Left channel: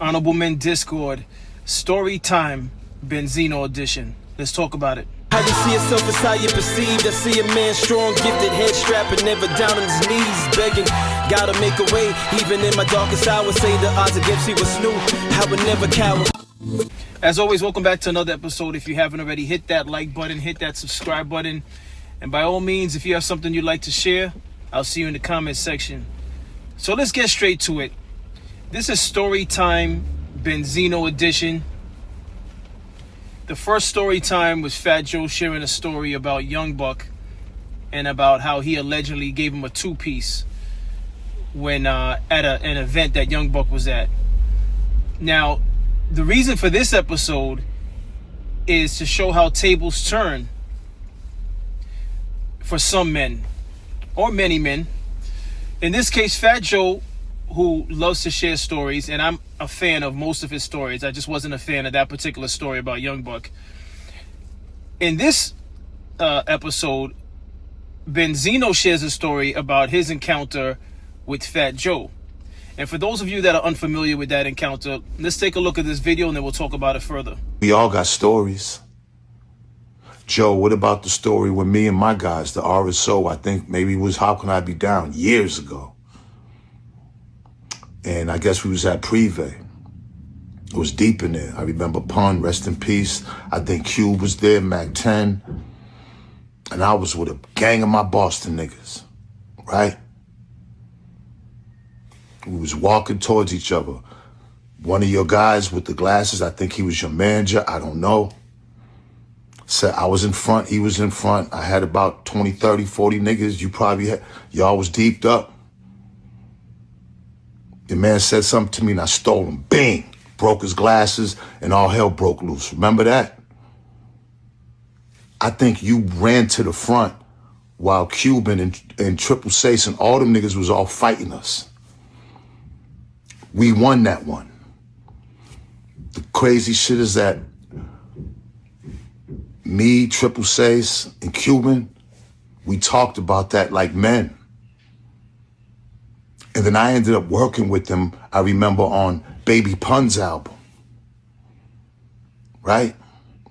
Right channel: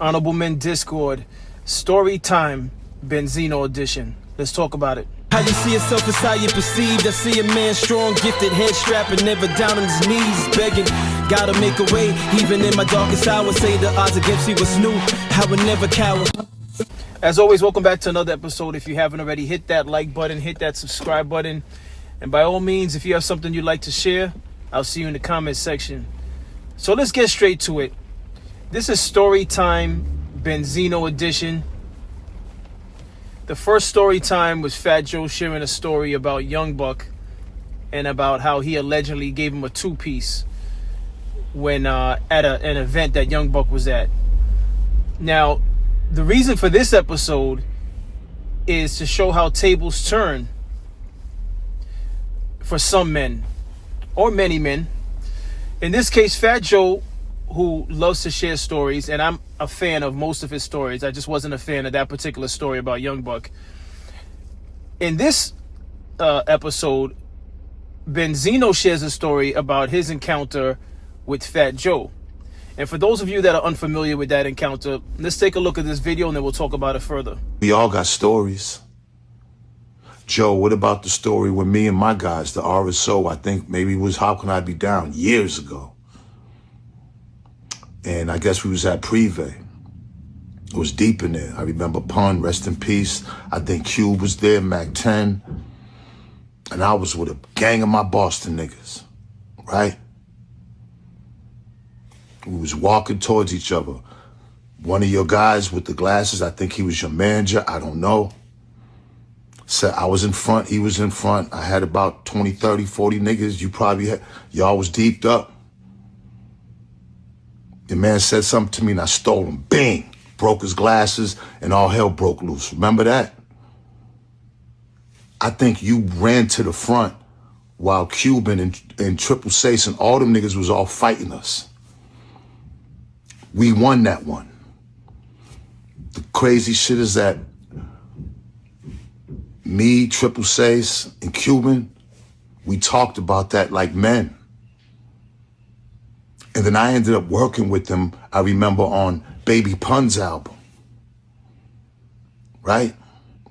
Honorable Men Discord, Story Time, Benzino edition. Let's talk about it. How you see yourself is how you perceived. I see a man strong, gifted, head strapping, never down on his knees, begging. Gotta make a way, even in my darkest hour. Say the odds against me was new, I would never cower. As always, welcome back to another episode. If you haven't already, hit that like button, hit that subscribe button. And by all means, if you have something you'd like to share, I'll see you in the comment section. So let's get straight to it. This is Story Time, Benzino edition. The first story time was Fat Joe sharing a story about Young Buck and about how he allegedly gave him a two-piece when at an event that Young Buck was at. Now, the reason for this episode is to show how tables turn for some men, or many men. In this case, Fat Joe, who loves to share stories, and I'm a fan of most of his stories. I just wasn't a fan of that particular story about Young Buck. In this episode, Benzino shares a story about his encounter with Fat Joe. And for those of you that are unfamiliar with that encounter, let's take a look at this video and then we'll talk about it further. We all got stories. Joe, what about the story with me and my guys, the RSO, I think maybe it was How Can I Be Down years ago. And I guess we was at Privé. It was deep in there. I remember Pun, rest in peace. I think Cube was there, Mac 10. And I was with a gang of my Boston niggas, right? We was walking towards each other. One of your guys with the glasses, I think he was your manager, I don't know. Said I was in front, he was in front. I had about 20, 30, 40 niggas. You probably had, y'all was deeped up. The man said something to me and I stole him. Bang! Broke his glasses and all hell broke loose. Remember that? I think you ran to the front while Cuban and Triple Sace and all them niggas was all fighting us. We won that one. The crazy shit is that me, Triple Sace, and Cuban, we talked about that like men. And then I ended up working with them, I remember, on Baby Pun's album. Right?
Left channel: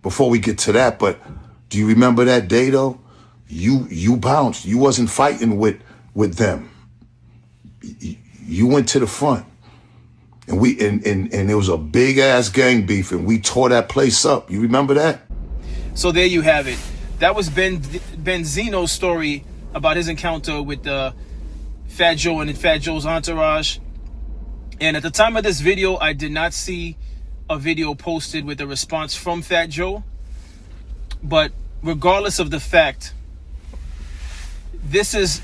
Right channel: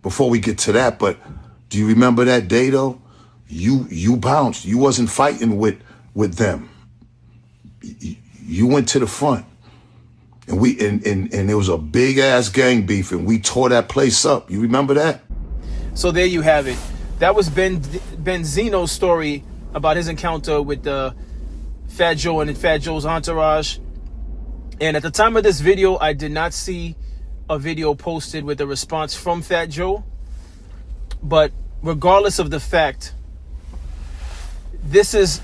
Before we get to that, but do you remember that day though? You bounced. You wasn't fighting with them. You went to the front. And and there was a big ass gang beef and we tore that place up. You remember that? So there you have it. That was Benzino's story about his encounter with Fat Joe and Fat Joe's entourage. And at the time of this video, I did not see a video posted with a response from Fat Joe. But regardless of the fact, this is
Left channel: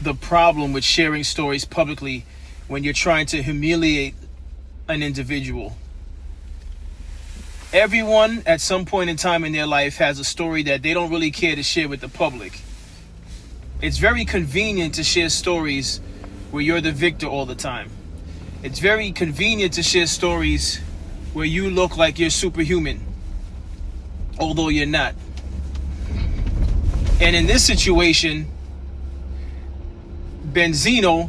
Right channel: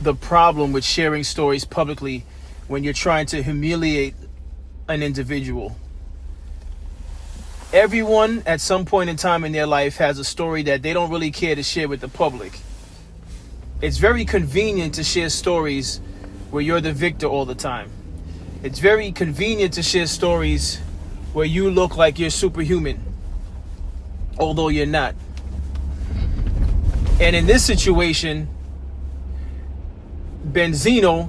the problem with sharing stories publicly when you're trying to humiliate an individual. Everyone at some point in time in their life has a story that they don't really care to share with the public. It's very convenient to share stories where you're the victor all the time. It's very convenient to share stories where you look like you're superhuman, although you're not. And in this situation, Benzino,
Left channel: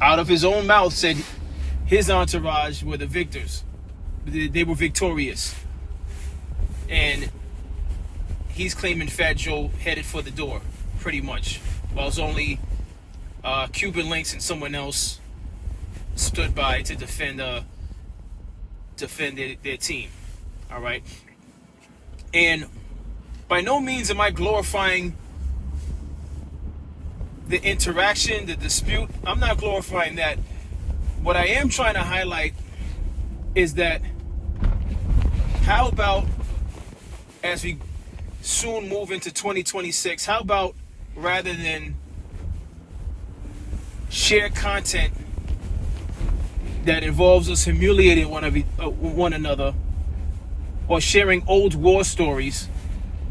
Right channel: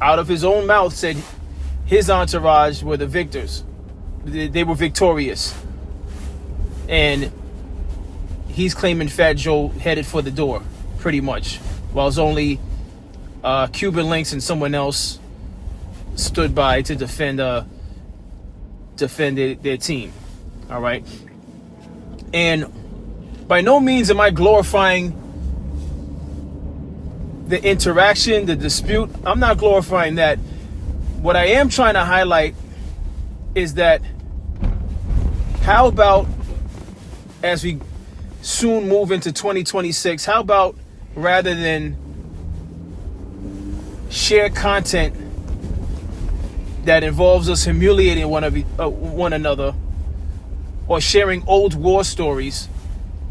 out of his own mouth, said his entourage were the victors. They were victorious. And he's claiming Fat Joe headed for the door, pretty much. While it's only Cuban Links and someone else stood by to defend their team. All right. And by no means am I glorifying the interaction, the dispute. I'm not glorifying that. What I am trying to highlight is that how about, as we soon move into 2026, how about rather than share content that involves us humiliating one another or sharing old war stories,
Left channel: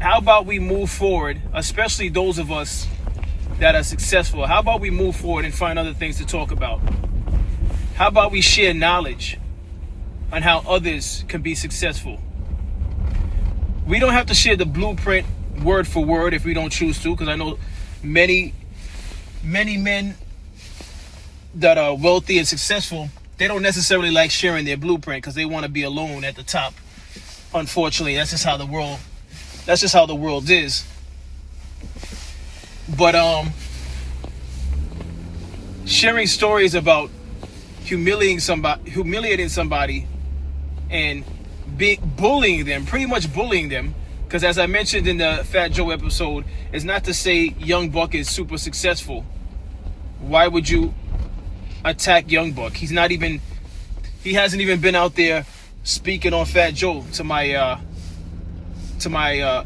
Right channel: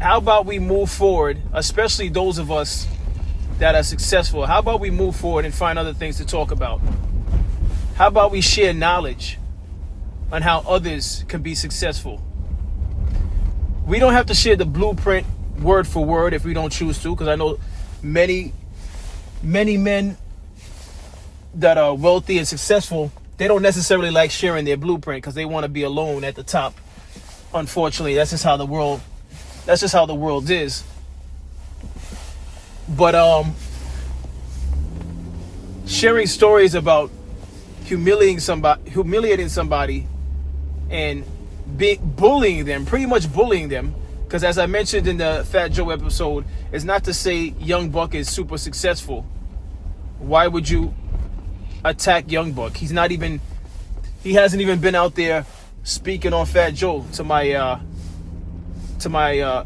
how about we move forward, especially those of us that are successful? How about we move forward and find other things to talk about? How about we share knowledge on how others can be successful? We don't have to share the blueprint word for word if we don't choose to, because I know many men that are wealthy and successful they don't necessarily like sharing their blueprint because they want to be alone at the top. Unfortunately, that's just how the world is. But sharing stories about humiliating somebody and bullying them, pretty much bullying them, because as I mentioned in the Fat Joe episode, it's not to say Young Buck is super successful. Why would you attack Young Buck? He hasn't even been out there speaking on Fat Joe to my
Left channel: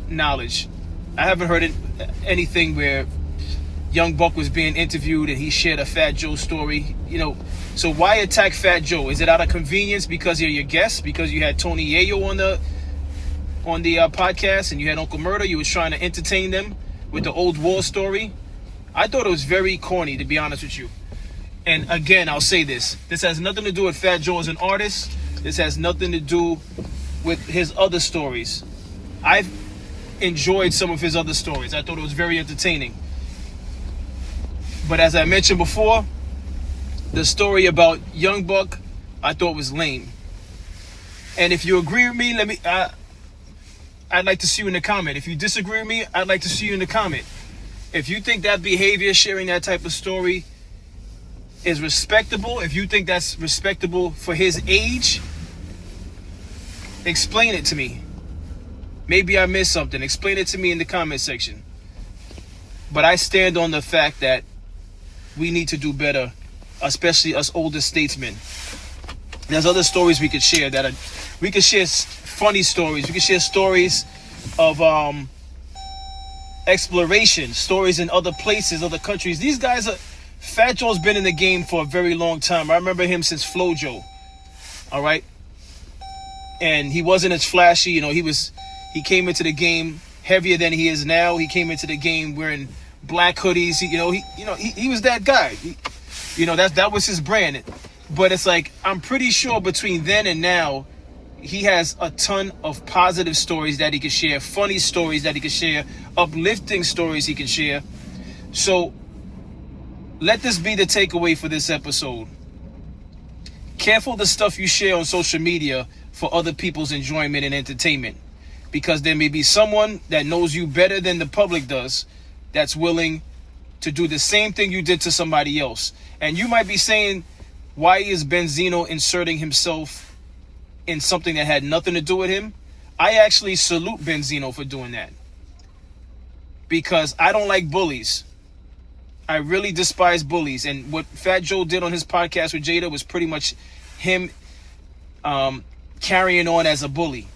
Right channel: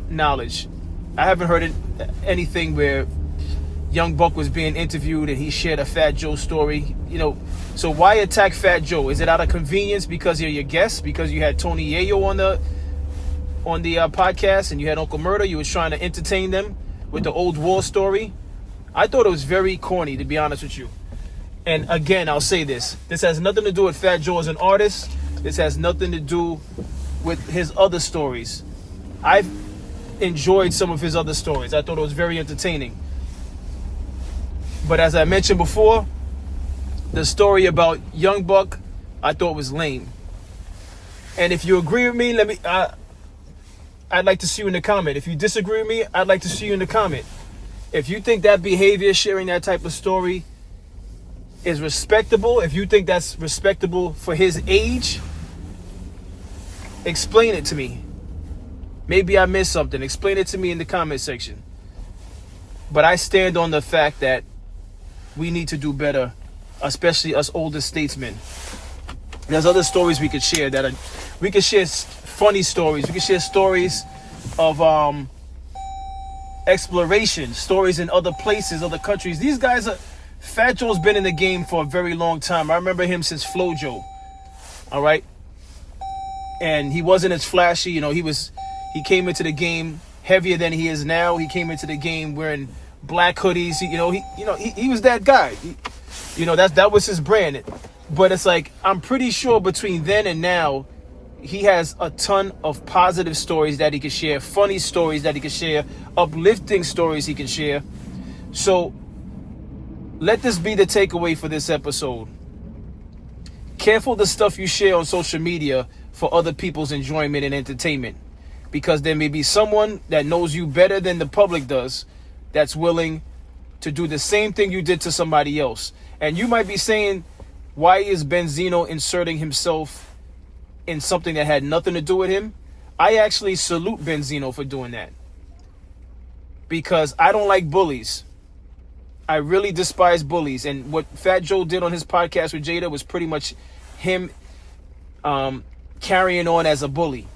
knowledge. I haven't heard anything where Young Buck was being interviewed and he shared a Fat Joe story. So why attack Fat Joe? Is it out of convenience because you're your guest? Because you had Tony Yayo on the podcast and you had Uncle Murder? You was trying to entertain them with the old war story? I thought it was very corny, to be honest with you. And again, I'll say this. This has nothing to do with Fat Joe as an artist. This has nothing to do with his other stories. I've enjoyed some of his other stories. I thought it was very entertaining. But as I mentioned before, the story about Young Buck, I thought was lame. And if you agree with me, I'd like to see you in the comment. If you disagree with me, I'd like to see you in the comment. If you think that behavior, sharing that type of story, is respectable, if you think that's respectable for his age, explain it to me. Maybe I missed something. Explain it to me in the comment section. But I stand on the fact that we need to do better, especially us older statesmen. There's other stories we could share we could share funny stories. We could share stories of exploration, stories in other places, other countries. These guys Fat Joe's been in the game for a very long time. I remember him since Flojo. All right. And he wasn't as flashy. He came into the game heavier than he is now. He came into the game wearing black hoodies. He was that guy. That was his brand. But it's like, I'm pretty sure between then and now, he has a ton of positive stories that he can share, funny stories that he can share, uplifting stories he can share. So let this be the takeaway for this episode. Careful the stuff you share on social media for other people's enjoyment and entertainment, because there may be someone that knows you better than the public does that's willing to do the same thing you did to somebody else. And you might be saying, why is Benzino inserting himself in something that had nothing to do with him? I actually salute Benzino for doing that, because I don't like bullies. I really despise bullies. And what Fat Joe did on his podcast with Jada was pretty much him carrying on as a bully.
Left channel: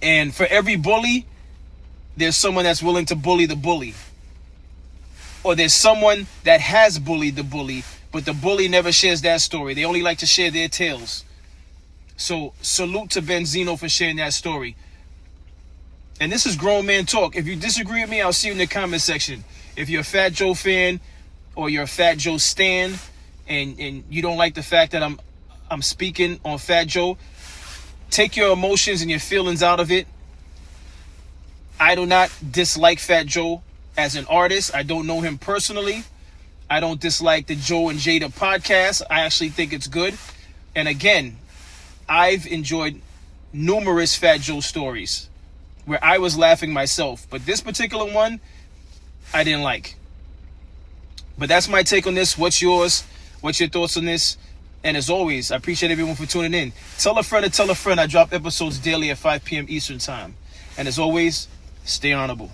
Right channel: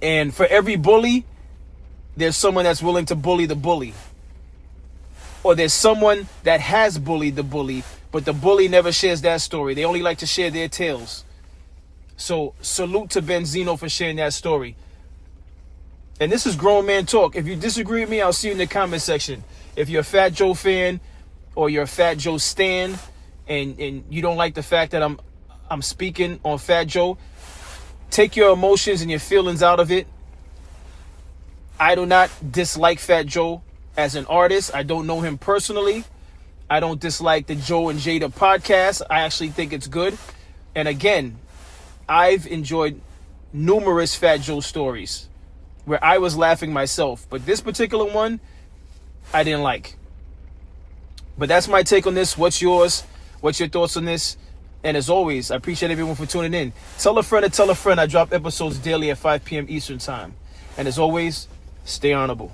And for every bully, there's someone that's willing to bully the bully. Or there's someone that has bullied the bully, but the bully never shares that story. They only like to share their tales. So salute to Benzino for sharing that story. And this is grown man talk. If you disagree with me, I'll see you in the comment section. If you're a Fat Joe fan or you're a Fat Joe stan and you don't like the fact that I'm speaking on Fat Joe, take your emotions and your feelings out of it. I do not dislike Fat Joe as an artist. I don't know him personally. I don't dislike the Joe and Jada podcast. I actually think it's good. And again, I've enjoyed numerous Fat Joe stories where I was laughing myself. But this particular one, I didn't like. But that's my take on this. What's yours? What's your thoughts on this? And as always, I appreciate everyone for tuning in. Tell a friend to tell a friend. I drop episodes daily at 5 p.m. Eastern time. And as always, stay honorable.